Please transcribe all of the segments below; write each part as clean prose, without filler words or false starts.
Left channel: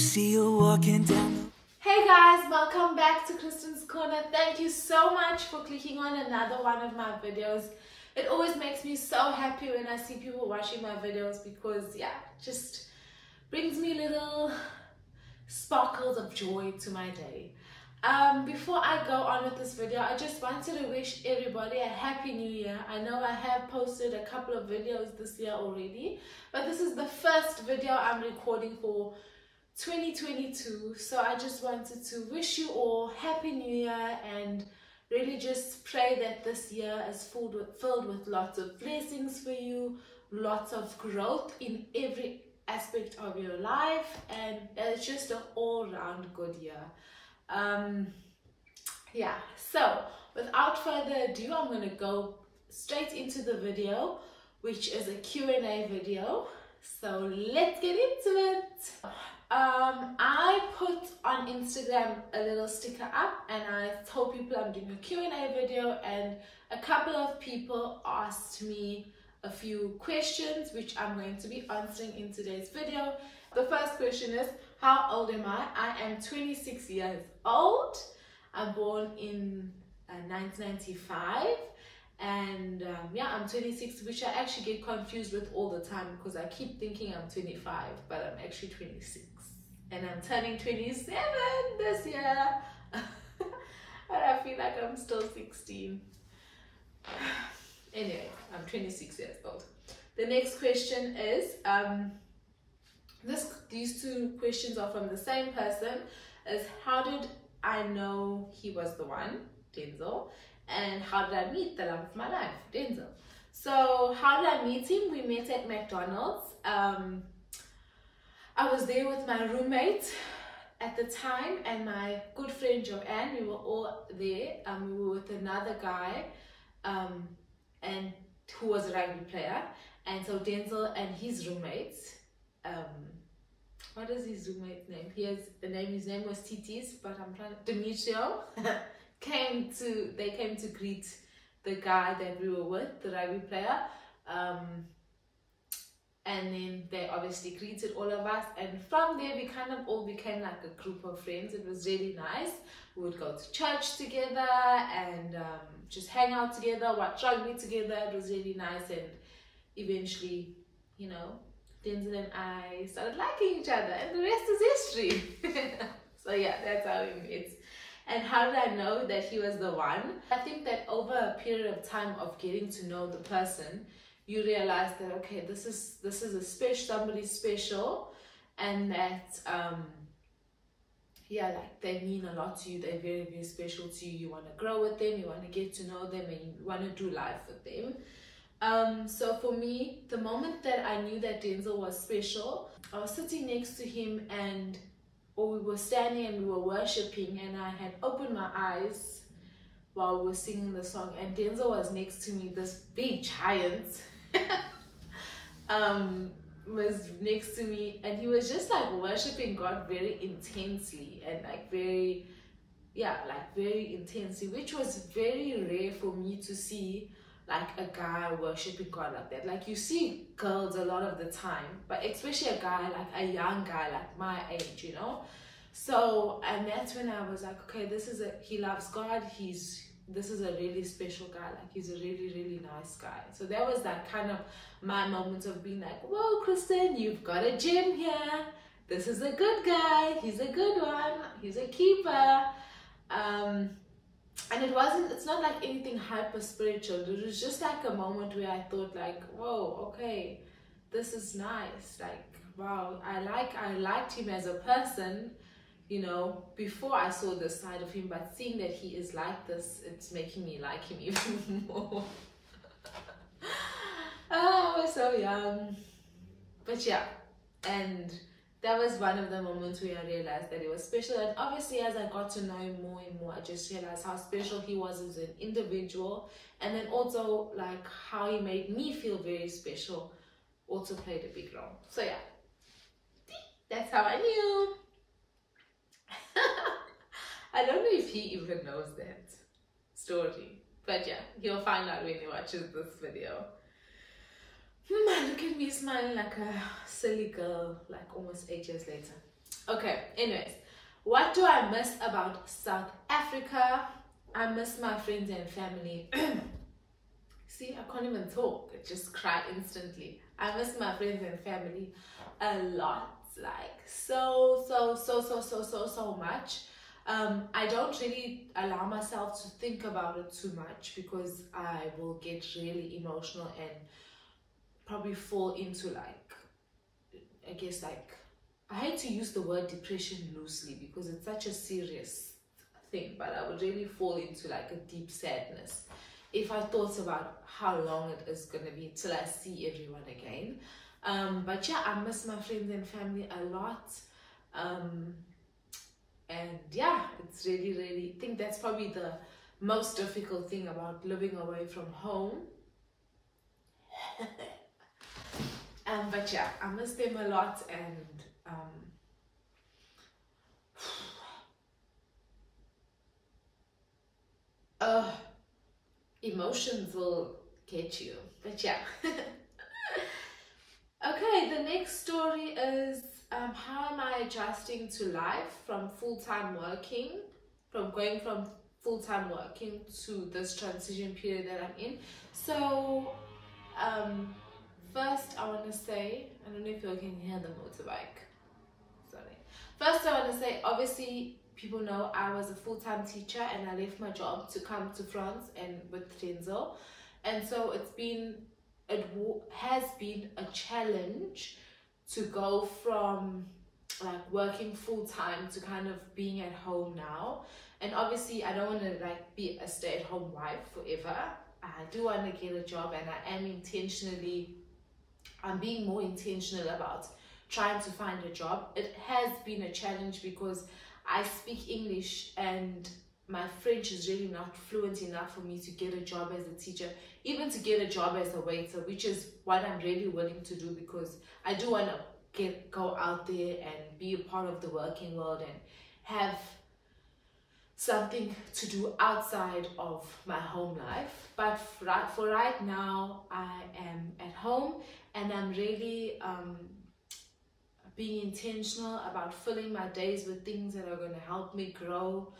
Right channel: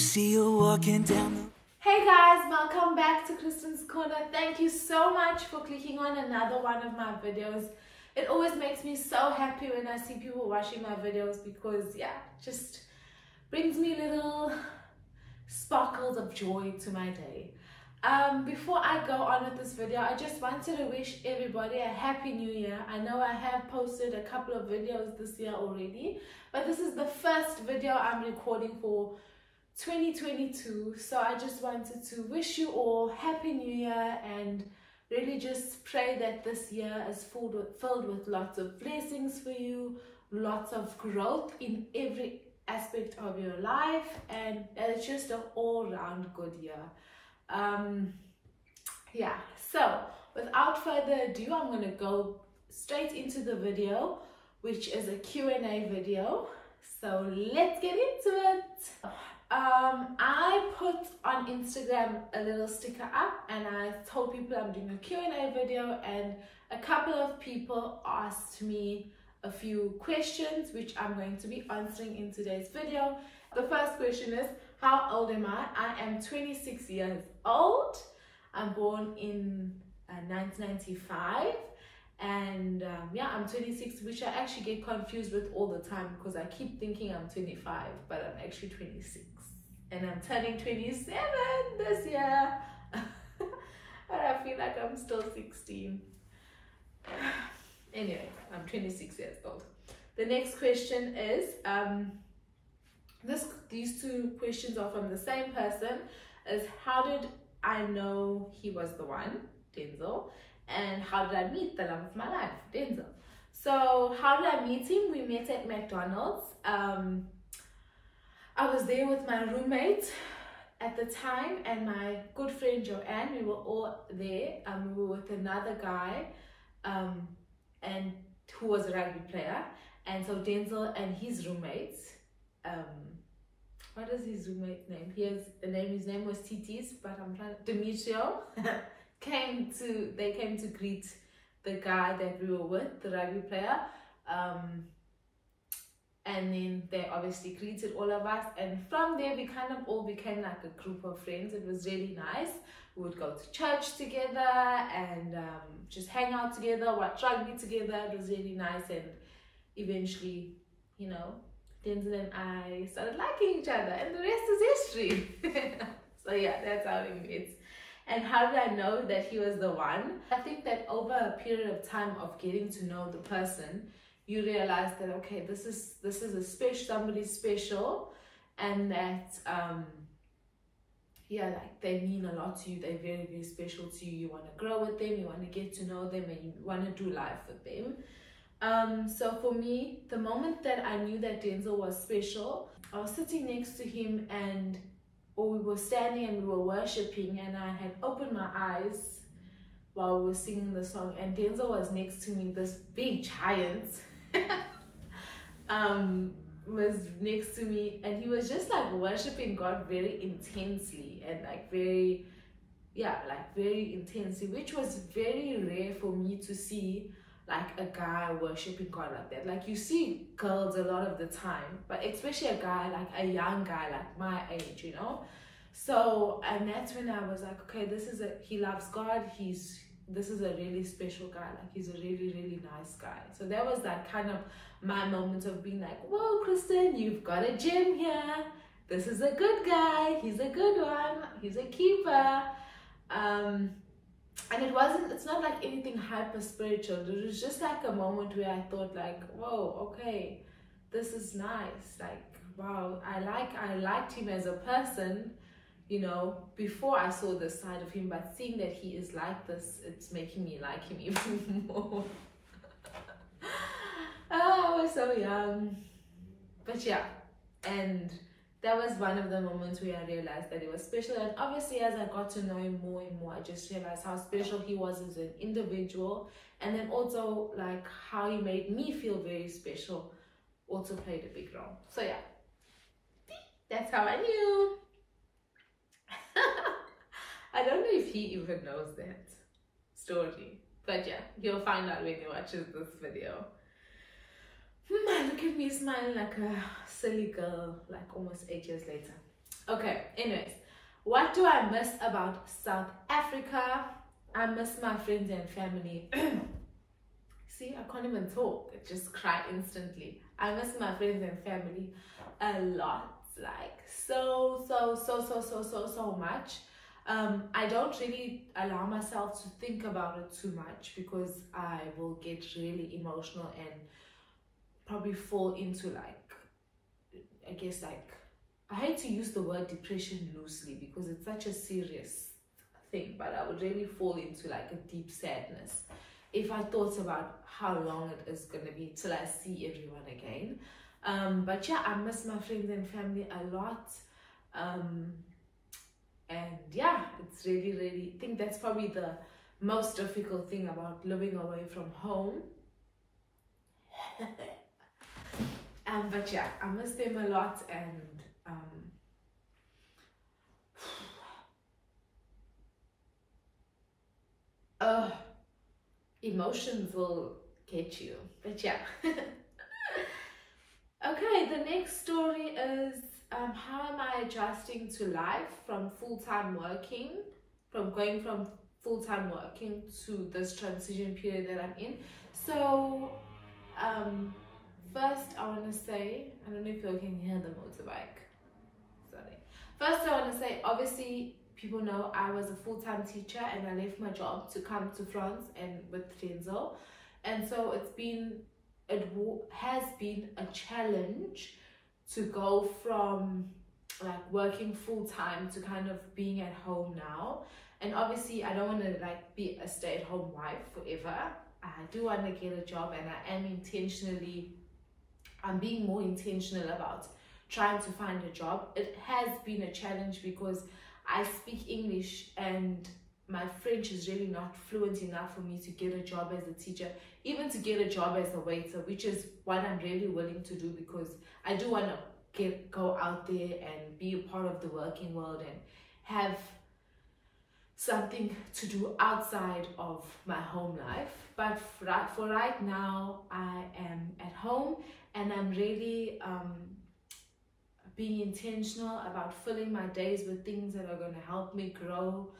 see you walking down the... Hey guys, welcome back to Khristen's Corner. Thank you so much for clicking on another one of my videos. It always makes me so happy when I see people watching my videos because yeah, it just brings me little sparkles of joy to my day. Before I go on with this video, I just wanted to wish everybody a happy new year. I know I have posted a couple of videos this year already, but this is the first video I'm recording for 2022, so I just wanted to wish you all happy new year and really just pray that this year is filled with lots of blessings for you, lots of growth in every aspect of your life, and it's just an all-round good year. Yeah, so without further ado, I'm going to go straight into the video, which is a Q&A video. So let's get into it. I put on Instagram a little sticker up and I told people I'm doing a Q&A video, and a couple of people asked me a few questions which I'm going to be answering in today's video. The first question is, how old am I? I am 26 years old. I'm born in 1995. And yeah, I'm 26, which I actually get confused with all the time because I keep thinking I'm 25, but I'm actually 26. And I'm turning 27 this year. But I feel like I'm still 16. Anyway, I'm 26 years old. The next question is, these two questions are from the same person, is how did I know he was the one, Denzel? And how did I meet the love of my life, Denzel? So how did I meet him? We met at McDonald's. I was there with my roommate at the time and my good friend Joanne. We were all there. We were with another guy and who was a rugby player. And so Denzel and his roommate, what is his roommate's name? His name was Titis, but I'm trying to, Demetrio. They came to greet the guy that we were with, the rugby player, and then they obviously greeted all of us, and from there we kind of all became like a group of friends. It was really nice. We would go to church together and just hang out together, watch rugby together. It was really nice, and eventually, you know, Denzel and I started liking each other, and the rest is history. So yeah, that's how we met. And how did I know that he was the one? I think that over a period of time of getting to know the person, you realize that, okay, this is somebody special, and that yeah, like they mean a lot to you. They're very, very special to you. You want to grow with them, you want to get to know them, and you want to do life with them. So for me, the moment that I knew that Denzel was special, I was sitting next to him, and we were standing and we were worshiping, and I had opened my eyes while we were singing the song, and Denzel was next to me. This big giant was next to me, and he was just like worshiping God very intensely and like very intensely, which was very rare for me to see, like a guy worshiping God like that. Like you see girls a lot of the time, but especially a guy, like a young guy like my age, you know. So, and that's when I was like, okay, he loves God. This is a really special guy. Like he's a really, really nice guy. So that was like kind of my moment of being like, whoa, Khristen, you've got a gem here. This is a good guy. He's a good one. He's a keeper. And it's not like anything hyper spiritual. It was just like a moment where I thought like, whoa, okay, this is nice. Like, wow, I liked him as a person, you know, before I saw this side of him, but seeing that he is like this, it's making me like him even more. Oh, I was so young. But yeah, and that was one of the moments where I realized that he was special. And obviously, as I got to know him more and more, I just realized how special he was as an individual. And then also, like, how he made me feel very special also played a big role. So yeah, that's how I knew. I don't know if he even knows that story. But yeah, he'll find out when he watches this video. Look at me smiling like a silly girl, like almost 8 years later. Okay, anyways, what do I miss about South Africa? I miss my friends and family. See, I can't even talk. I just cry instantly. I miss my friends and family a lot. Like so much. I don't really allow myself to think about it too much because I will get really emotional and probably fall into like, I guess like, I hate to use the word depression loosely because it's such a serious thing, but I would really fall into like a deep sadness if I thought about how long it is going to be till I see everyone again. But yeah, I miss my friends and family a lot. And yeah, it's really, I think that's probably the most difficult thing about living away from home. But yeah, I miss them a lot, and emotions will get you. But yeah. Okay, the next story is how am I adjusting to life from full-time working, from going from full-time working to this transition period that I'm in. So first I want to say, I don't know if you can hear the motorbike. Sorry. First I want to say, obviously people know I was a full-time teacher and I left my job to come to France and with Denzel. And so it has been a challenge to go from like working full-time to kind of being at home now. And obviously I don't want to like be a stay-at-home wife forever. I do want to get a job, and I'm being more intentional about trying to find a job. It has been a challenge because I speak English and my French is really not fluent enough for me to get a job as a teacher, even to get a job as a waiter, which is what I'm really willing to do because I do want to go out there and be a part of the working world and have something to do outside of my home life. But for right now, I am at home and I'm really being intentional about filling my days with things that are going to help me grow.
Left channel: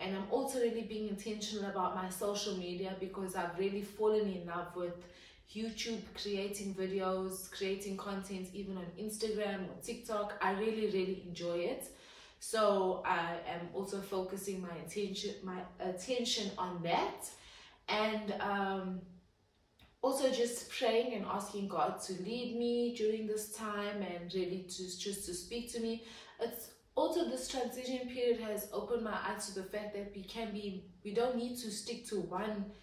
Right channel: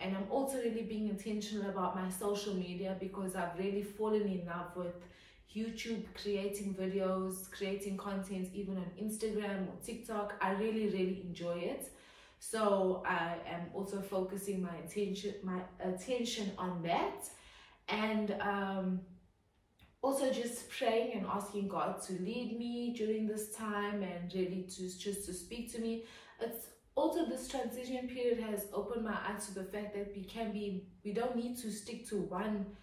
And I'm also really being intentional about my social media because I've really fallen in love with YouTube, creating videos, creating content, even on Instagram or TikTok. I really enjoy it. So I am also focusing my attention on that, and also just praying and asking God to lead me during this time and really just to speak to me. It's also, this transition period has opened my eyes to the fact that we don't need to stick to one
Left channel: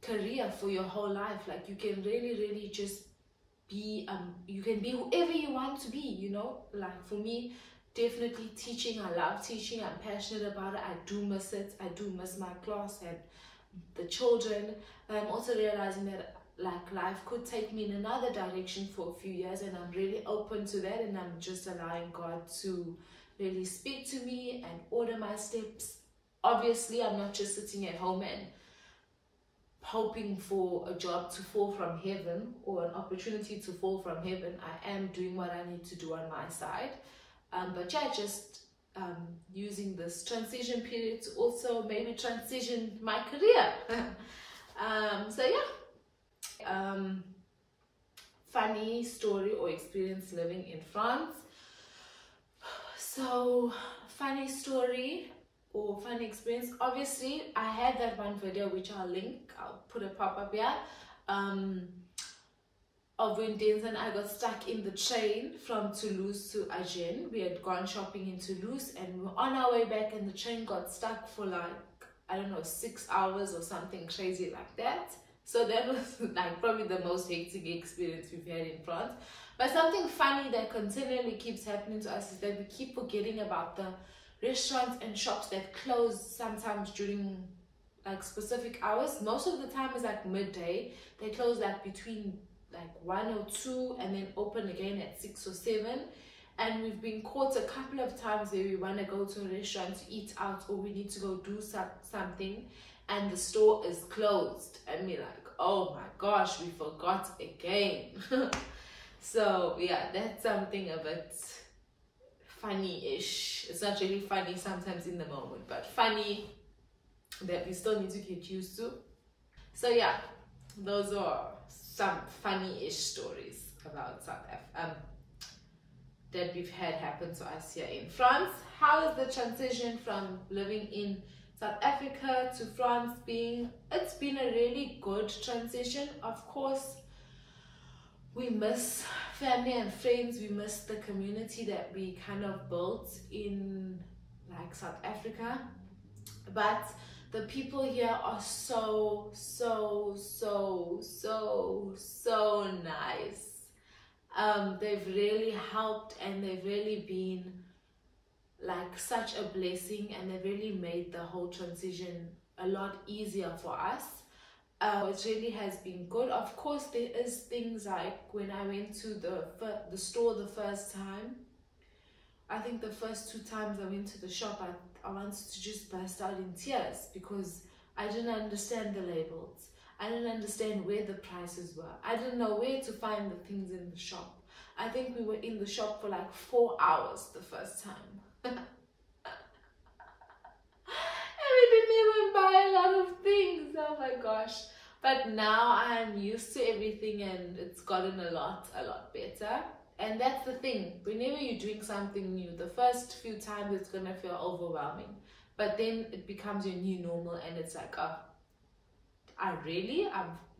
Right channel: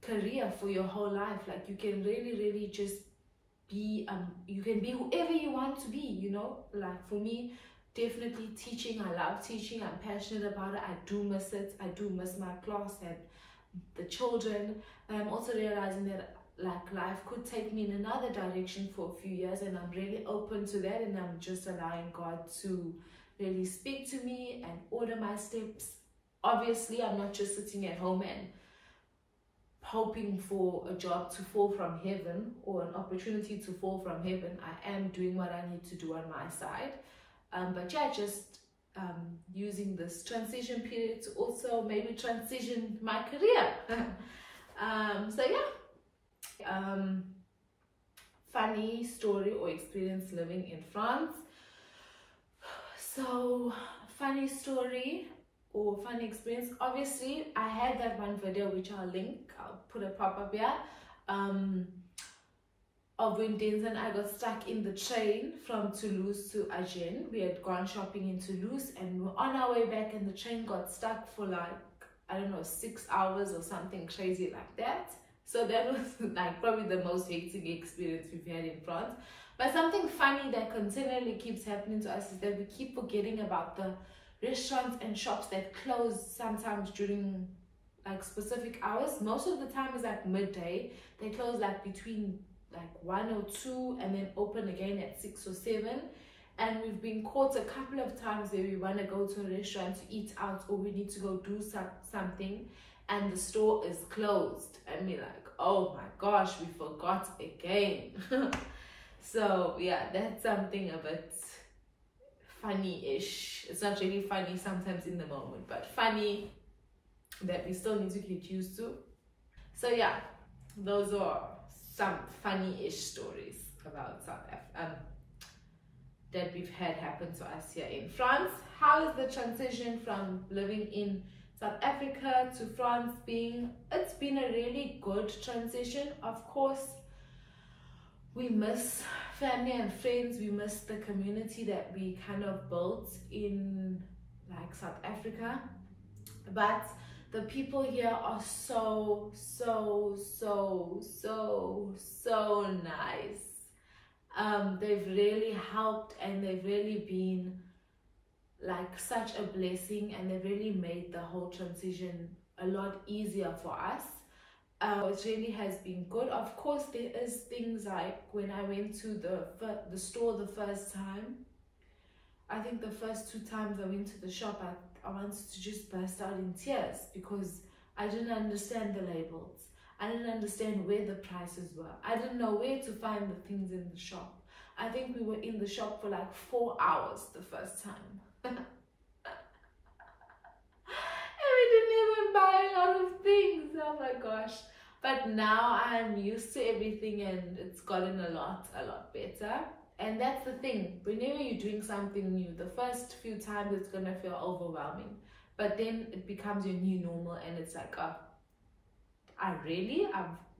career for your whole life. Like you can really just be you can be whoever you want to be, you know. Like for me, definitely teaching. I love teaching. I'm passionate about it. I do miss it. I do miss my class and the children. I'm also realizing that like life could take me in another direction for a few years, and I'm really open to that, and I'm just allowing God to really speak to me and order my steps. Obviously, I'm not just sitting at home and hoping for a job to fall from heaven or an opportunity to fall from heaven. I am doing what I need to do on my side. But yeah, just using this transition period to also maybe transition my career. So yeah, funny story or experience living in France. So funny story or funny experience, obviously I had that one video which I'll link, I'll put a pop-up here, of when Denzel and I got stuck in the train from Toulouse to Agen. We had gone shopping in Toulouse and we were on our way back, and the train got stuck for like, I don't know, 6 hours or something crazy like that. So that was like probably the most hectic experience we've had in France. But something funny that continually keeps happening to us is that we keep forgetting about the restaurants and shops that close sometimes during like specific hours. Most of the time is like midday. They close like between like 1 or 2 and then open again at 6 or 7. And we've been caught a couple of times where we want to go to a restaurant to eat out, or we need to go do something and the store is closed, and we're like, oh my gosh, we forgot again. So yeah, that's something a bit funny-ish. It's not really funny sometimes in the moment, but funny that we still need to get used to. So yeah, those are some funny-ish stories about South Africa that we've had happen to us here in France. How is the transition from living in South Africa to France being? It's been a really good transition. Of course, we miss family and friends, we miss the community that we kind of built in like South Africa, but the people here are so nice. They've really helped, and they've really been like such a blessing, and they've really made the whole transition a lot easier for us. It really has been good. Of course, there is things like when I went to the store the first time, I think the first 2 times I went to the shop, I wanted to just burst out in tears because I didn't understand the labels. I didn't understand where the prices were. I didn't know where to find the things in the shop. I think we were in the shop for like 4 hours the first time. And we didn't even buy a lot of things. Oh my gosh. But now I'm used to everything, and it's gotten a lot better. And that's the thing, whenever you're doing something new, the first few times it's gonna feel overwhelming, but then it becomes your new normal, and it's like, oh,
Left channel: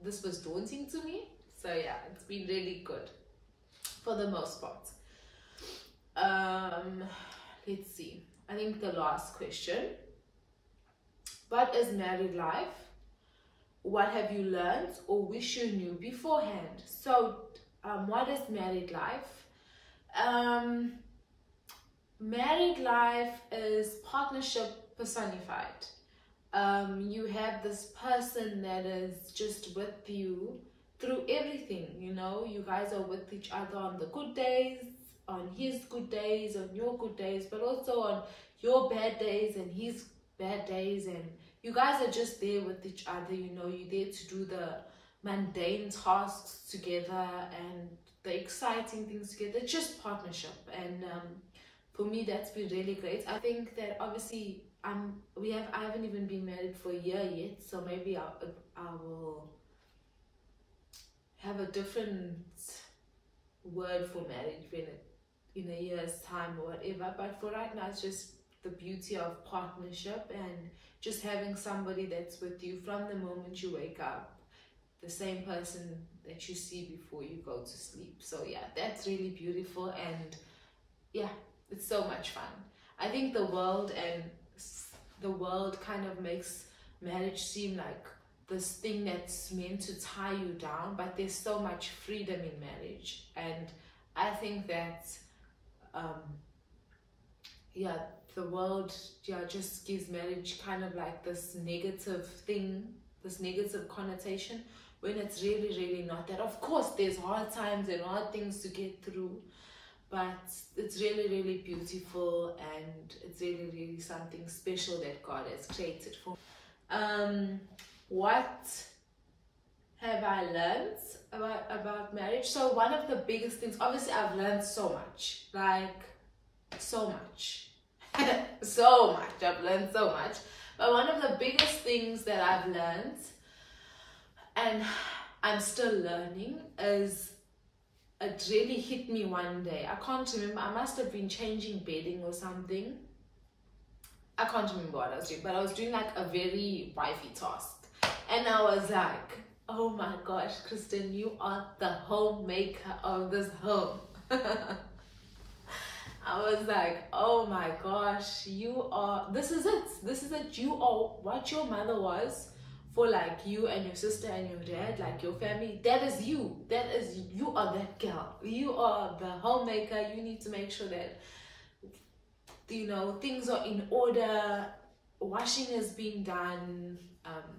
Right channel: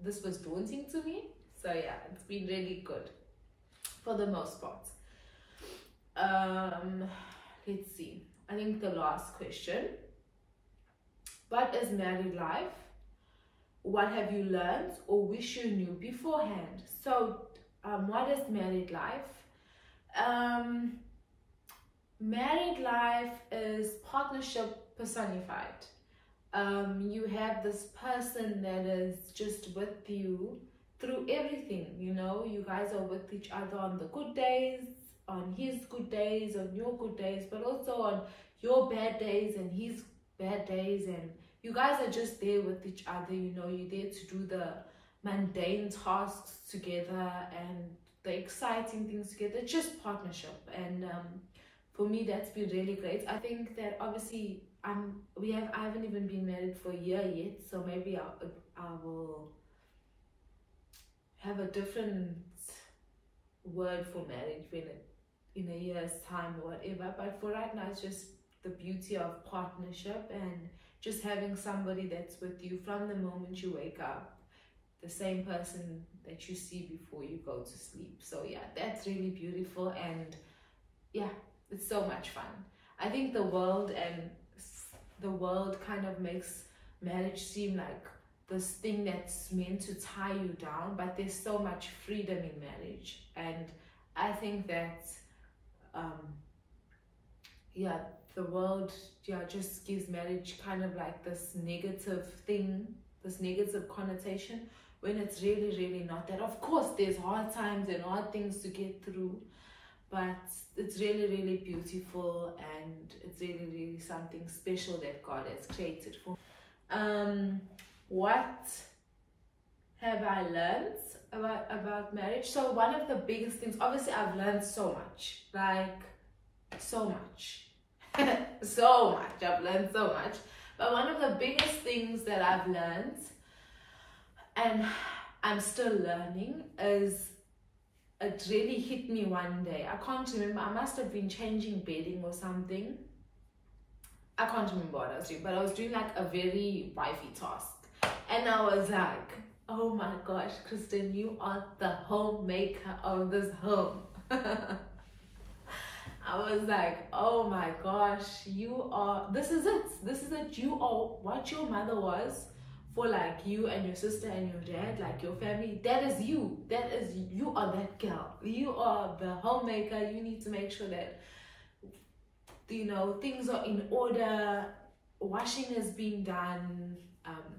this was daunting to me. So yeah, it's been really good for the most part. Let's see, I think the last question, what is married life? What have you learned or wish you knew beforehand? So what is married life? Married life is partnership personified. You have this person that is just with you through everything, you know. You guys are with each other on the good days, on his good days, on your good days, but also on your bad days and his bad days, and you guys are just there with each other, you know. You're there to do the mundane tasks together and the exciting things together. It's just partnership, and for me that's been really great. I think that obviously I haven't even been married for a year yet, so maybe I will have a different word for marriage in a year's time or whatever, but for right now it's just the beauty of partnership and just having somebody that's with you from the moment you wake up, the same person that you see before you go to sleep. So yeah, that's really beautiful, and yeah, it's so much fun. I think the world kind of makes marriage seem like this thing that's meant to tie you down, but there's so much freedom in marriage, and I think that yeah, the world just gives marriage kind of like this negative thing, this negative connotation, when it's really not that. Of course there's hard times and hard things to get through, but it's really beautiful, and it's really something special that God has created for me. What have I learned about marriage? So one of the biggest things, obviously I've learned so much, like so much so much. I've learned so much, but one of the biggest things that I've learned, and I'm still learning, is it really hit me one day. I can't remember, I must have been changing bedding or something. I can't remember what I was doing, but I was doing like a very wifey task, and I was like, oh my gosh, Khristen, you are the homemaker of this home. I was like, oh my gosh, this is it. You are what your mother was for like you and your sister and your dad, like your family. That is you. You are that girl. You are the homemaker. You need to make sure that, you know, things are in order, washing is being done,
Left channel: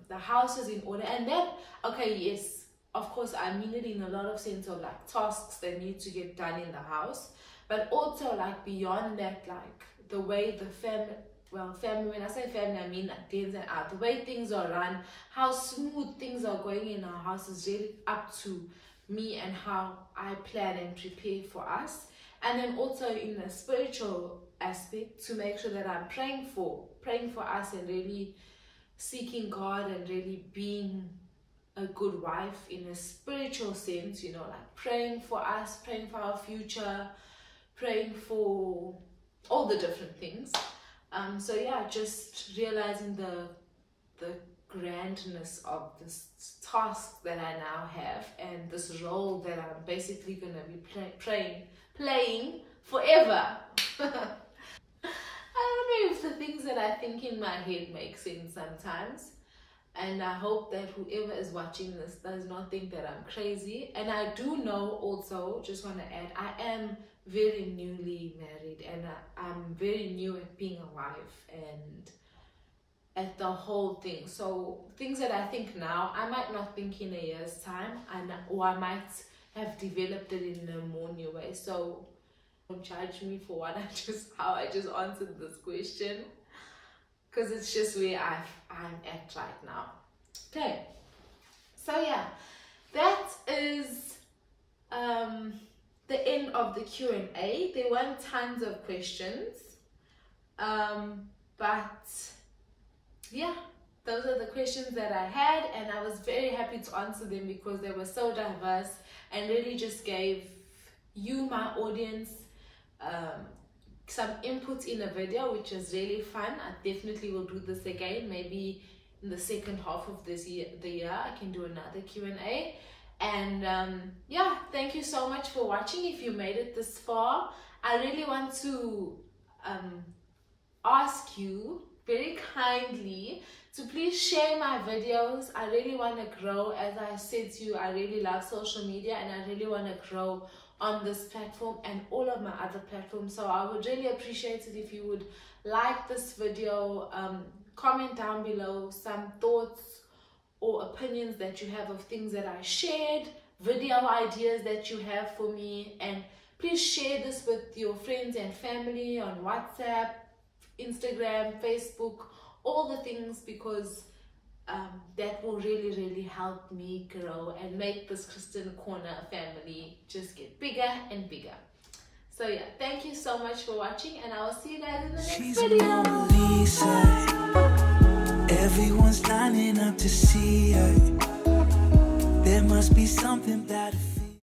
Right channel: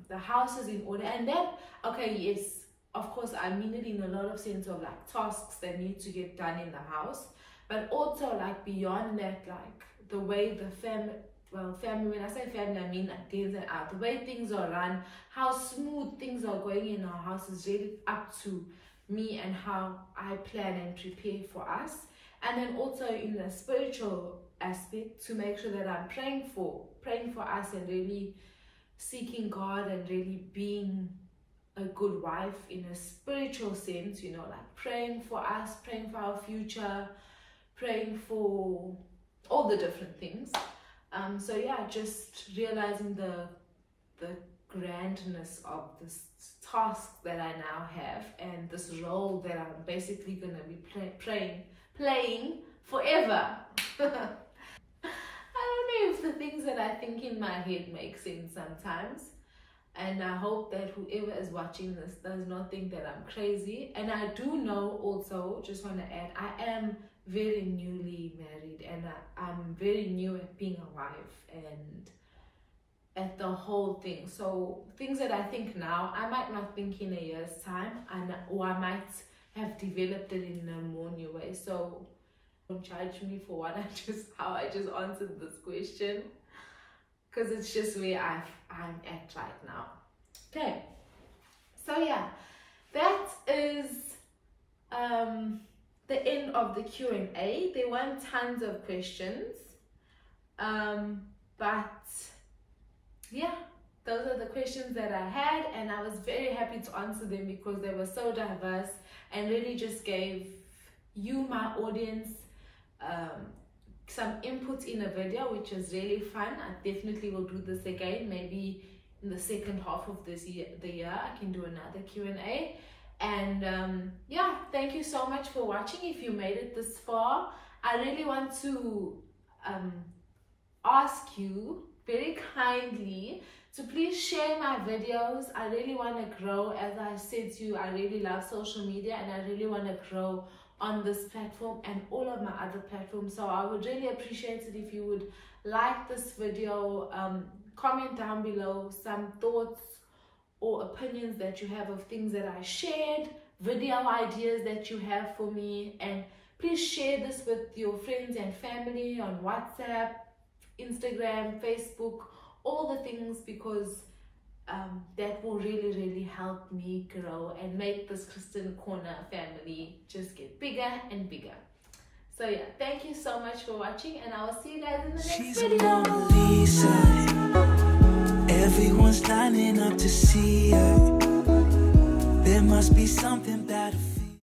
the house is in order. And that, okay, yes, of course, I mean it in a lot of sense of like tasks that need to get done in the house, but also like beyond that, like the way the family, when I say family, I mean like ins and out, the way things are run, how smooth things are going in our house is really up to me and how I plan and prepare for us. And then also in the spiritual aspect, to make sure that I'm praying for us and really seeking God and really being a good wife in a spiritual sense, you know, like praying for us, praying for our future, praying for all the different things. So yeah, just realizing the grandness of this task that I now have and this role that I'm basically going to be playing forever. I don't know if the things that I think in my head make sense sometimes, and I hope that whoever is watching this does not think that I'm crazy. And I do know also, just want to add, I am very newly married, and I'm very new at being a wife and at the whole thing. So things that I think now, I might not think in a year's time, or I might have developed it in a more new way. So don't judge me for how I just answered this question, because it's just where I'm at right now. Okay, so yeah, that is the end of the Q&A. There weren't tons of questions, but yeah, those are the questions that I had, and I was very happy to answer them because they were so diverse and really just gave you, my audience, some input in a video, which is really fun. I definitely will do this again. Maybe in the second half of the year I can do another Q&A. And yeah, thank you so much for watching. If you made it this far, I really want to ask you very kindly to please share my videos. I really want to grow. As I said to you, I really love social media, and I really want to grow on this platform and all of my other platforms. So I would really appreciate it if you would like this video, comment down below some thoughts or opinions that you have of things that I shared, video ideas that you have for me, and please share this with your friends and family on WhatsApp, Instagram, Facebook, all the things, because that will really help me grow and make this Khristen Corner family just get bigger and bigger. So yeah, thank you so much for watching, and I will see you guys in the next video. A Mona Lisa. Everyone's lining up to see her. There must be something about her.